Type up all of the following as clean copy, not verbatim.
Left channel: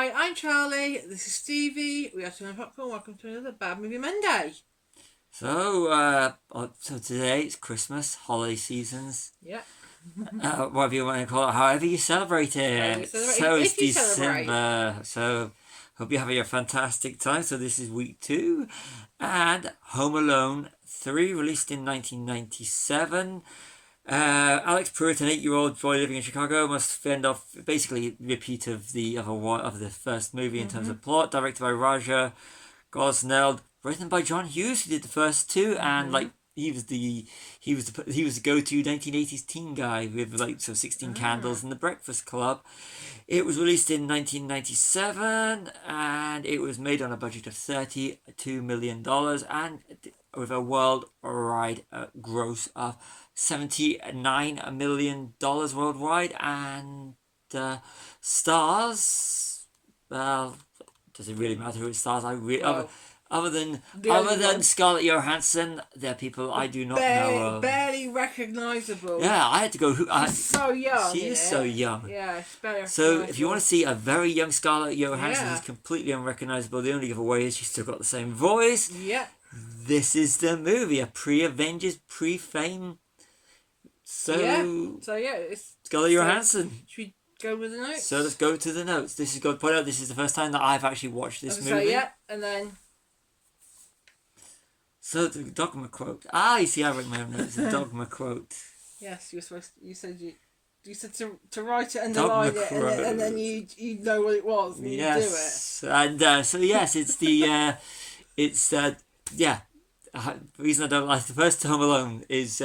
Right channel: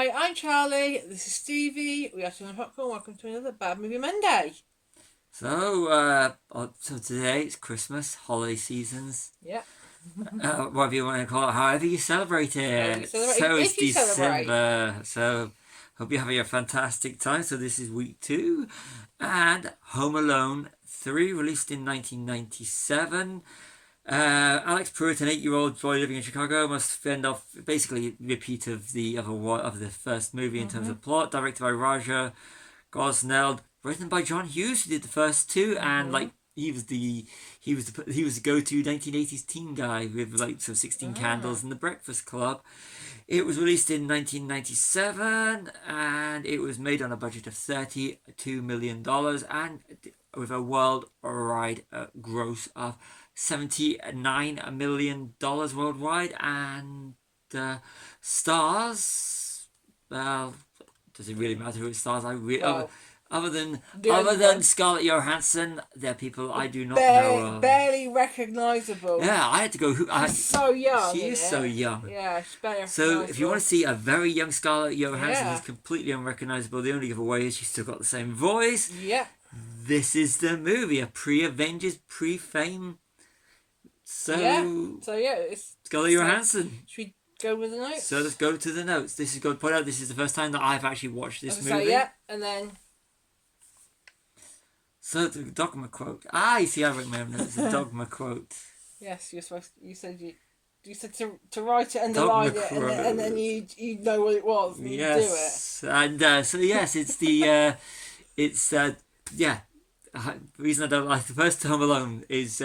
Hi, I'm Charlie. This is Stevie. We are Tim and Popcorn. Welcome to another Bad Movie Monday. So today it's Christmas, holiday seasons. Yeah. Whatever you want to call it, however you celebrate it. So it's December. So hope you're having a fantastic time. So this is week 2, and Home Alone 3, released in 1997. Alex Pruitt, an 8-year-old boy living in Chicago, must fend off basically a repeat of the first movie in terms of plot. Directed by Raja Gosnell, written by John Hughes, who did the first 2, and he was the go-to 1980s teen guy with 16 Candles and The Breakfast Club. It was released in 1997, and it was made on a budget of $32 million, and with a worldwide gross of $79 million worldwide, and stars. Well, does it really matter who it stars? Other than Scarlett Johansson, there are people I do not know of. Barely recognisable. Yeah, I had to go. She's so young. She is so young. Yeah, she's barely recognisable. So if you want to see a very young Scarlett Johansson who's completely unrecognisable, the only giveaway is she's still got the same voice. Yeah. This is the movie, a pre-Avengers, pre-Fame. So it's Scarlett Johansson. Should we go with the notes? So let's go to the notes. This is going to point out this is the first time that I've actually watched this movie. And then. So the dogma quote. You see, I wrote my own notes. The dogma quote. Yes, you said to write it, underline it, and then you know what it was. And yes, you do it. And so yes, it's the the reason I don't like the first Home Alone is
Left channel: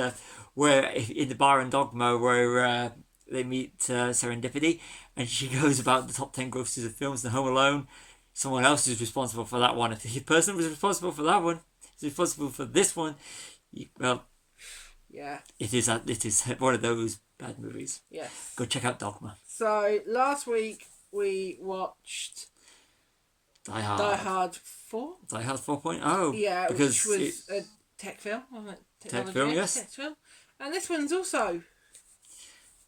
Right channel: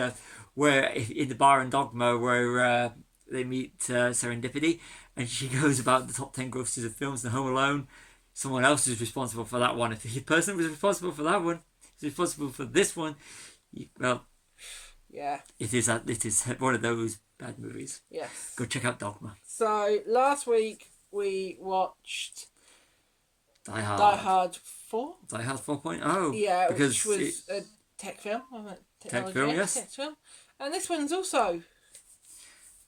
where in the bar in Dogma where they meet Serendipity, and she goes about the top 10 grosses of films in Home Alone. Someone else is responsible for that one. If the person was responsible for that one is responsible for this one, well, yeah, it is one of those bad movies. Yes, go check out Dogma. So last week we watched Die Hard 4. Die Hard 4.0. Yeah, because which was a tech film, wasn't it? Tech film, yes. Tech film. And this one's also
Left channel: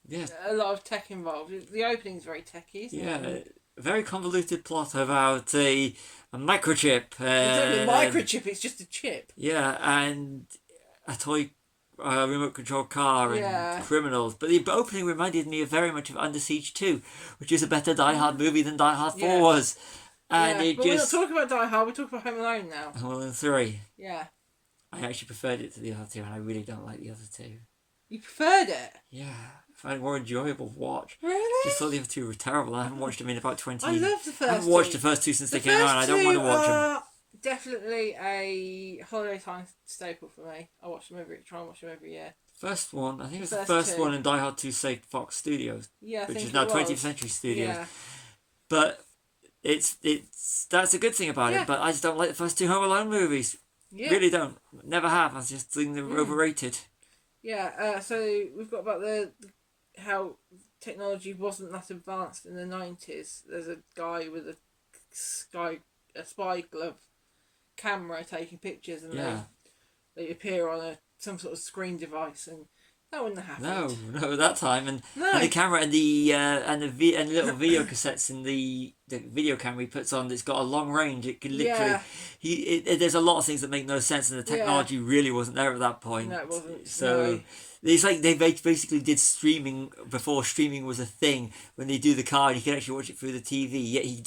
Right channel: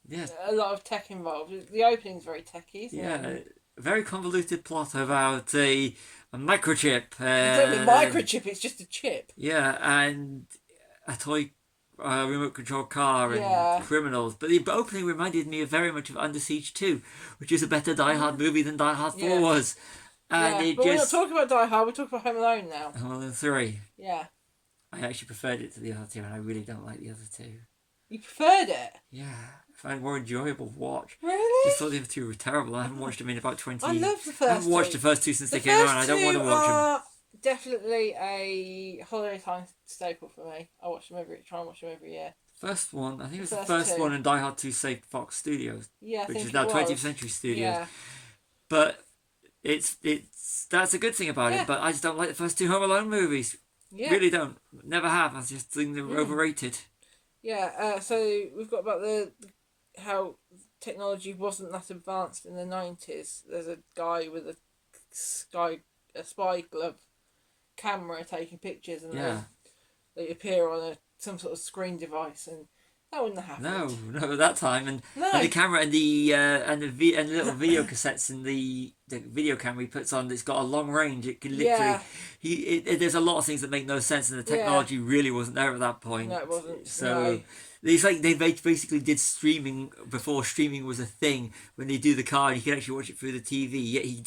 a lot of tech involved. The opening's very techy, isn't it? A very convoluted plot about a microchip. It's not a microchip, it's just a chip. Yeah, and a toy remote control car and criminals. But the opening reminded me very much of Under Siege 2, which is a better Die Hard movie than Die Hard 4 was. And but we're not talking about Die Hard, we're talking about Home Alone now. Home Alone 3. Yeah. I actually preferred it to the other two, and I really don't like the other two. You preferred it? Yeah. I find it more enjoyable to watch. Really? Just thought the other two were terrible. I haven't watched them in about 20 years. I love the first two. I haven't watched the first two since they came out, and I don't want to watch them. Definitely a holiday time staple for me. I try and watch them every year. First one, I think it was the first one in Die Hard 2 saved Fox Studios, which is now 20th Century Studios. Yeah. But that's a good thing about it. But I just don't like the first 2 Home Alone movies. Yeah. Really don't. Never have. I just think they're overrated. Yeah. So we've got about how technology wasn't that advanced in the 90s. There's a guy with a spy glove camera taking pictures, and they appear on some sort of screen device, and that wouldn't have happened. No, that time, and the camera and the little video cassettes in the video camera he puts on. It's got a long range. It can literally. There's a lot of things that make no sense, and the technology really wasn't there at that point. No, it wasn't. So. It's like they basically did streaming before streaming was a thing. When they do the car, and you can actually watch it through the TV. Yet he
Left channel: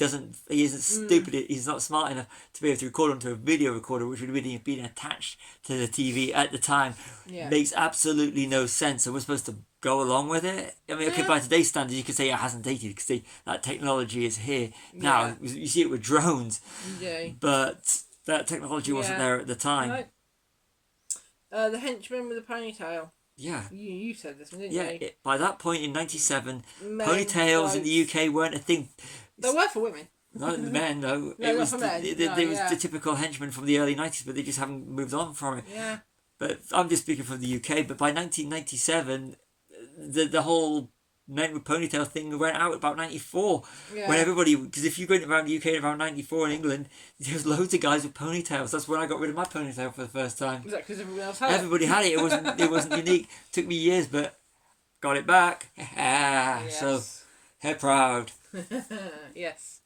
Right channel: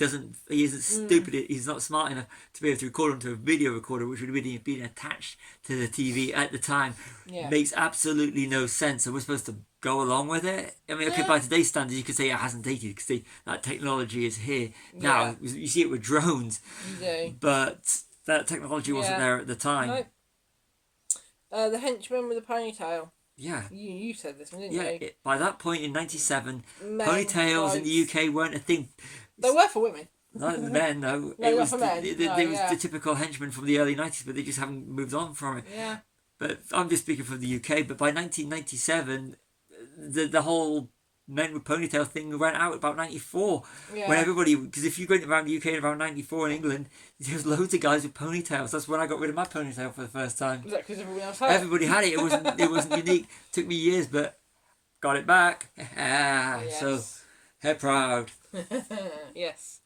isn't stupid. He's not smart enough to be able to record onto a video recorder, which would have been attached to the TV at the time. Makes absolutely no sense. So we're supposed to go along with it. I mean, okay, by today's standards, you could say it hasn't dated because that technology is here now. You see it with drones, but that technology wasn't there at the time. No. The henchman with a ponytail. Yeah. You said this, didn't you? Yeah, by that point in 97, ponytails in the UK weren't a thing. They were for women. Not the men, no. It was the typical henchman from the early 90s, but they just haven't moved on from it. Yeah. But I'm just speaking from the UK, but by 1997, the whole men with ponytail thing went out about 94. Yeah. When everybody, because if you go around the UK in about 94 in England, there's loads of guys with ponytails. That's when I got rid of my ponytail for the first time. Was that because everyone else had it? Everybody had it. It wasn't unique. It took me years, but got it back. Yes. So, hair proud. Yes.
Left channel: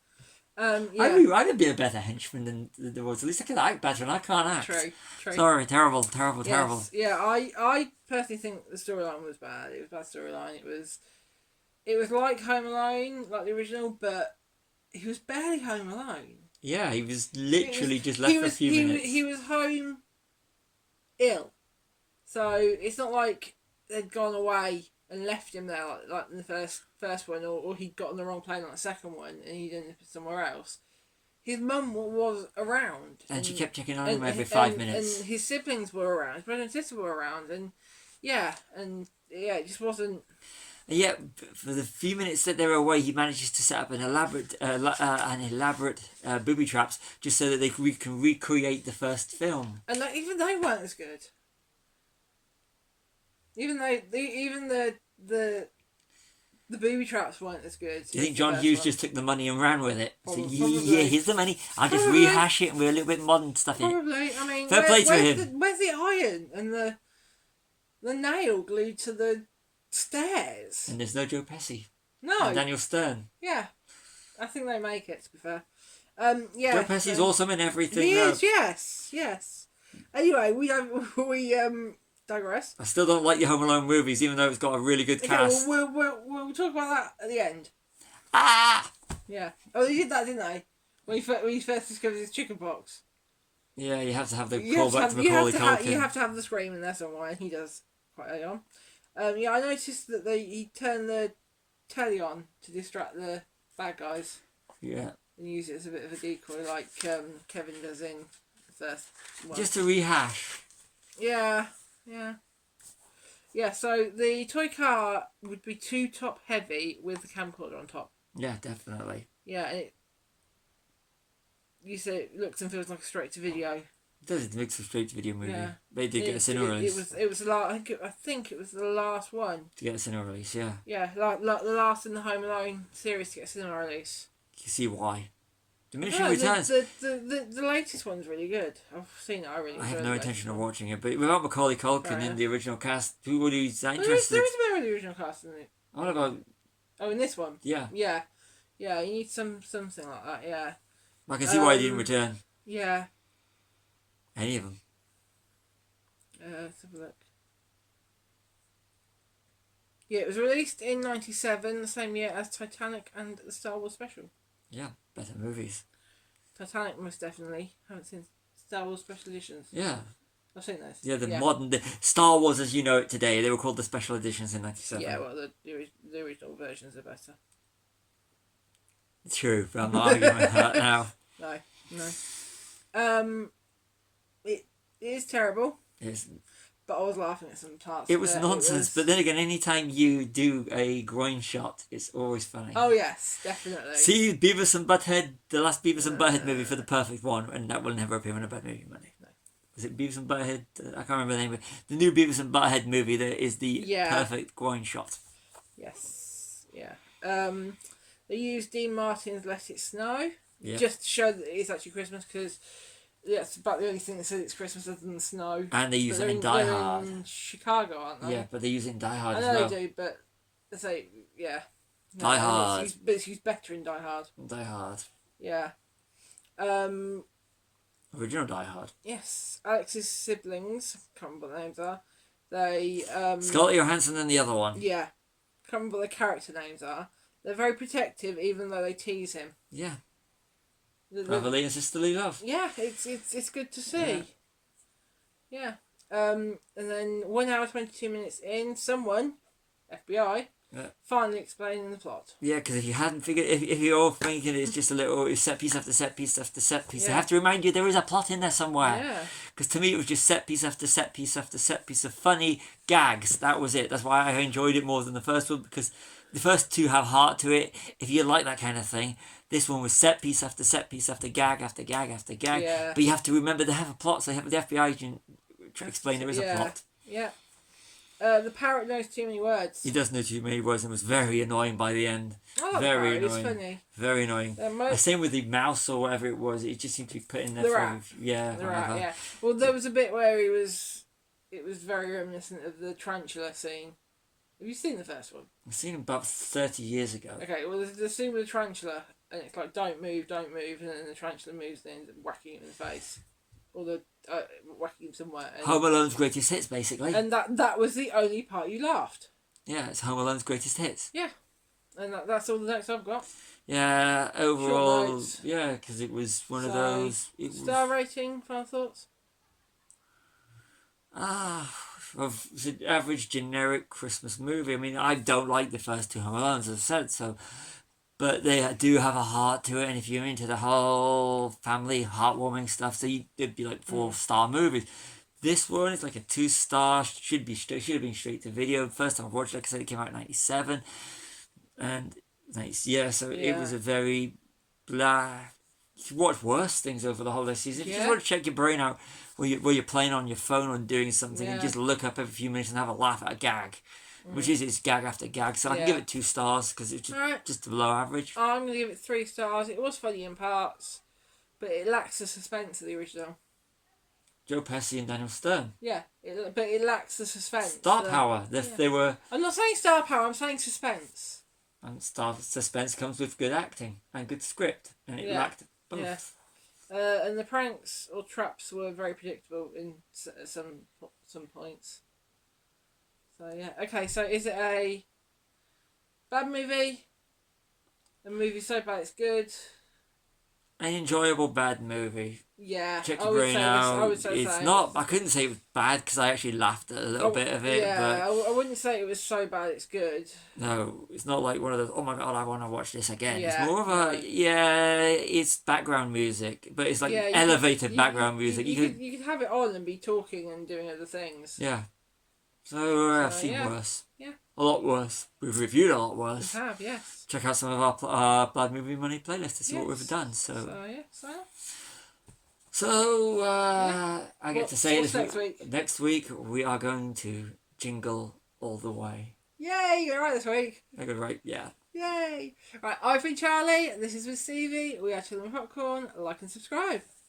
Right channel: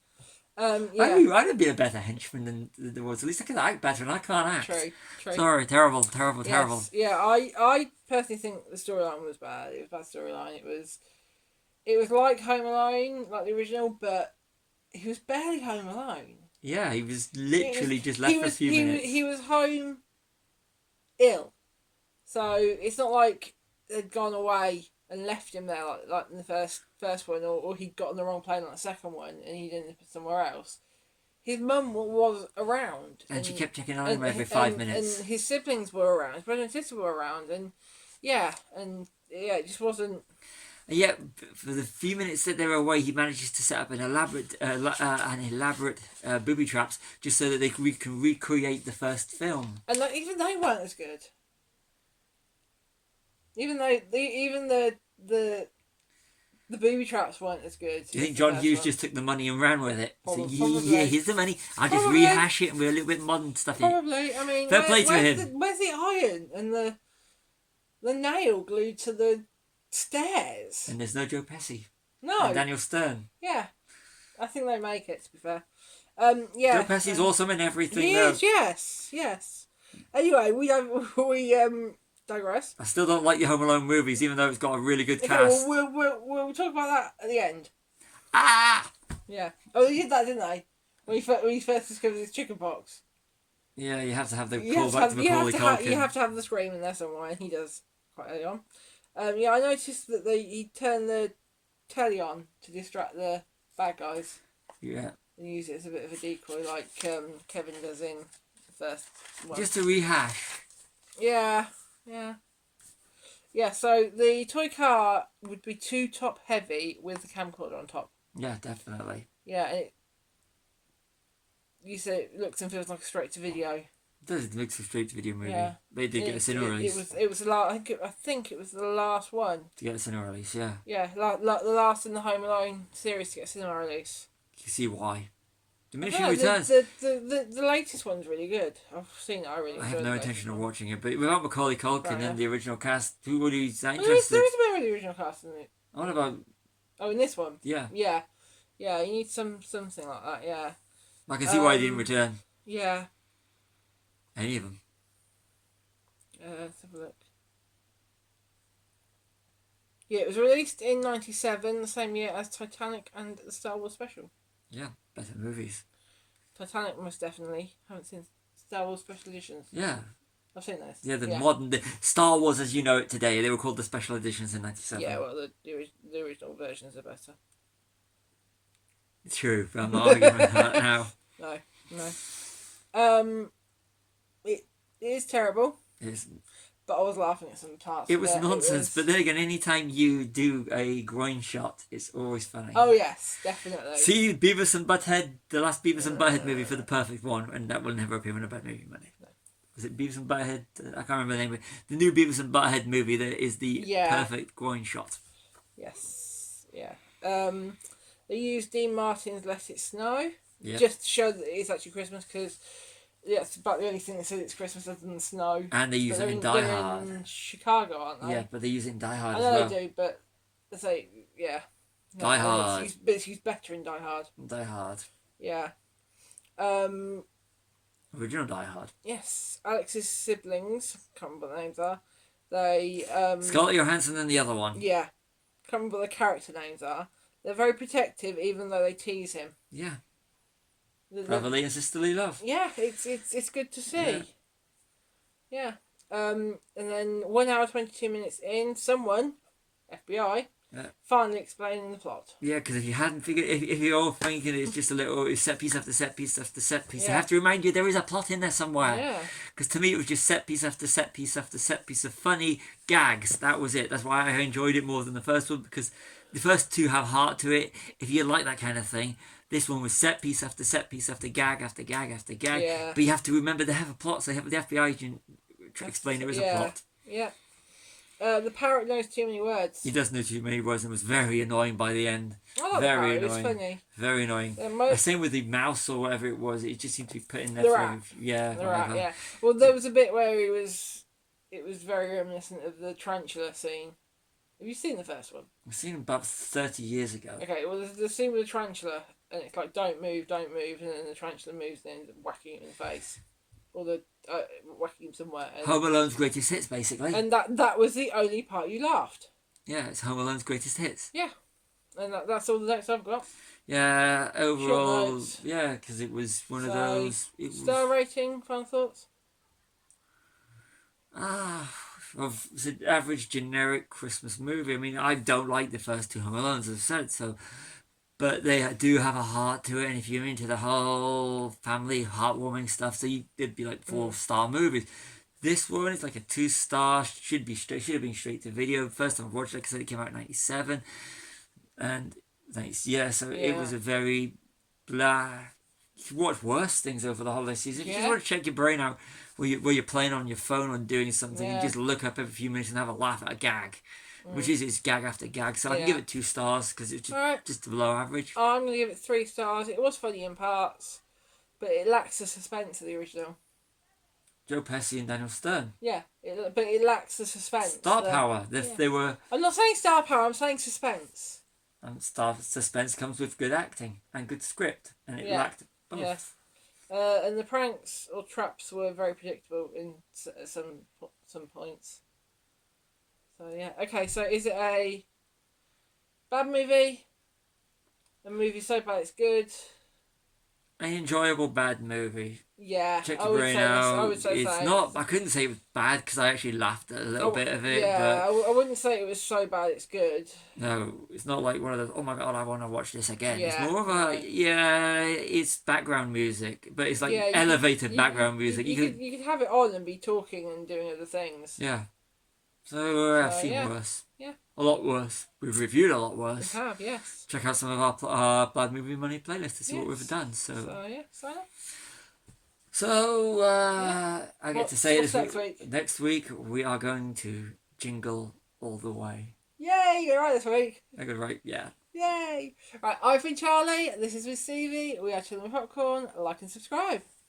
Yeah. I'd have been a better henchman than there was. At least I could act better, and I can't act. True. Sorry, terrible. Yes. Yeah, I personally think the storyline was bad. It was a bad storyline. It was like Home Alone, like the original, but he was barely home alone. Yeah, he was literally just left for a few minutes. He was home ill. So it's not like they'd gone away and left him there like in the first one, or he'd got on the wrong plane on the second one and he'd ended up somewhere else. His mum was around. And she kept checking on him every 5 minutes. And his siblings were around. His brother and sister were around. And it just wasn't... Yeah, for the few minutes that they were away, he manages to set up an elaborate booby traps just so that they can recreate the first film. And even they weren't as good. Even the booby traps weren't as good. Do you think John Hughes just took the money and ran with it? Probably. Yeah, here's the money. I'll just rehash it and with a little bit modern stuff in it. Probably. I mean, fair play to him. Where's the iron and the nail glued to the stairs? And there's no Joe Pesci. No. And Daniel Stern. Yeah. I think they make it, to be fair. Joe Pesci's awesome in everything. He is, yes. Anyway, we digress. I still don't like your Home Alone movies, even though it's got a really good cast. We'll talk about that at the end. Ah! Yeah. Oh, they did that, didn't they? When he first discovered his chicken pox. Yeah, you have to have the callback to Macaulay Culkin. You have to have the scream in there somewhere, and he does quite early on. Yeah, I noticed that he turned the telly on to distract the bad guys. Yeah. And use it as a bit of a decoy, like Kevin does in the first one. Just to rehash. Yeah. So the toy car would be too top heavy with the camcorder on top. Yeah, definitely. Yeah, and you say it looks and feels like a straight to video. It does. It makes a straight to video movie. Yeah. They did get a cinema release. It was I think it was the last one to get a cinema release. Yeah. Yeah, the last in the Home Alone series to get a cinema release. You see why? Diminishing Returns. The latest one's really good. I've seen it. I have no intention of watching it, but without Macaulay Culkin in the original cast, who would be interested? There is a bit of the original cast in it. What about? Oh, in this one. Yeah. You need something like that. Yeah. I can see why he didn't return. Yeah. Any of them. Let's have a look. Yeah, it was released in '97, the same year as Titanic and the Star Wars special. Yeah, better movies. Titanic, most definitely. Haven't seen Star Wars special editions. Yeah. I've seen those. Yeah, the Star Wars as you know it today. They were called the special editions in '97. Yeah, well, the original versions are better. True, but I'm not arguing with that now. No. It is terrible. It's, but I was laughing at some parts. It was nonsense, but then again, anytime you do a groin shot, it's always funny. Oh yes, definitely. See Beavis and Butthead, the last Beavis and Butthead movie for the perfect one, and that will never appear in a bad movie money. No. Was it Beavis and Butthead? I can't remember the name of it. The new Beavis and Butthead movie that is the perfect groin shot. Yes. Yeah. They used Dean Martin's "Let It Snow" just to show that it's actually Christmas, because that's about the only thing that says it's Christmas other than the snow. And they use it in Die Hard. In Chicago, aren't they? Yeah, but they use it in Die Hard as well. I know they do, but I say Die Hard. It's used better in Die Hard. Die Hard. Yeah. Original Die Hard. Yes, Alex's siblings. Can't remember what their names are. They Scarlett Johansson and the other one. Yeah, can't remember what the character names are. They're very protective, even though they tease him. Yeah. Brotherly and sisterly love. Yeah, it's good to see. Yeah. And then 1 hour 22 minutes in, someone, FBI, finally explaining the plot. Yeah, because if you hadn't figured, if you're all thinking it's just a little set piece after set piece after set piece, I have to remind you there is a plot in there somewhere. Yeah. Because to me it was just set piece after set piece after set piece of funny gags. That was it. That's why I enjoyed it more than the first one, because the first two have heart to it. If you like that kind of thing. This one was set piece after set piece after gag after gag after gag. Yeah. But you have to remember they have a plot, so they have the FBI agent explain there is a plot. Yeah. The parrot knows too many words. He does know too many words and was very annoying by the end. Oh, very annoying. It was funny. Very annoying. Same with the mouse or whatever it was. It just seemed to be put in there for rat. Yeah. The rat, yeah. Well, there was a bit where it was very reminiscent of the tarantula scene. Have you seen the first one? I've seen it about 30 years ago. Okay, well, there's the scene with the tarantula, and it's like don't move, and then the tarantula moves and ends up whacking it in the face, or the whacking him somewhere. And, Home Alone's greatest hits, basically. And that was the only part you laughed. Yeah, it's Home Alone's greatest hits. Yeah, and that's all the notes I've got. Yeah, overall, yeah, because it was one of those. Star rating, final thoughts? It's an average generic Christmas movie. I mean, I don't like the first two Home Alones, as I said, so. But they do have a heart to it, and if you're into the whole family heartwarming stuff, so it'd be like 4-star movies. This one is like a 2-star. Should have been straight to video. First time I watched it, like I said, it came out in '97, and it was a very blah. You watch worse things over the holiday season. If you want to check your brain out where you're playing on your phone or doing something, and just look up every few minutes and have a laugh at a gag. Which is it's gag after gag, so I can give it 2 stars because it's just below average. I'm going to give it 3 stars. It was funny in parts, but it lacks the suspense of the original. Joe Pesci and Daniel Stern. Yeah, but it lacks the suspense. Star power. They were. I'm not saying star power. I'm saying suspense. And suspense comes with good acting and good script, and it lacked both. Yeah. And the pranks or traps were very predictable in some points. So yeah, okay. So is it a bad movie? A movie so bad it's good? An enjoyable bad movie. Yeah, check your brain out. It's not. I couldn't say it was bad because I actually laughed at a little bit of it. Yeah, but I wouldn't say it was so bad it's good. No, it's not like one of those. Oh my god, I want to watch this again. Yeah, it's more of a it's background music, but it's like elevated background music. You could have it on and be talking and doing other things. Yeah. So I've seen worse. Yeah. A lot worse. We've reviewed a lot worse. We have, yes. Check out some of our Bad Movie Money playlist to see what we've done. So I get to say this week. Next week we are going to jingle all the way. Yay! You got it right this week. I got it right. Yeah. Yay! Right, I've been Charlie. This is with Stevie. We are Chilling with Popcorn. Like and subscribe.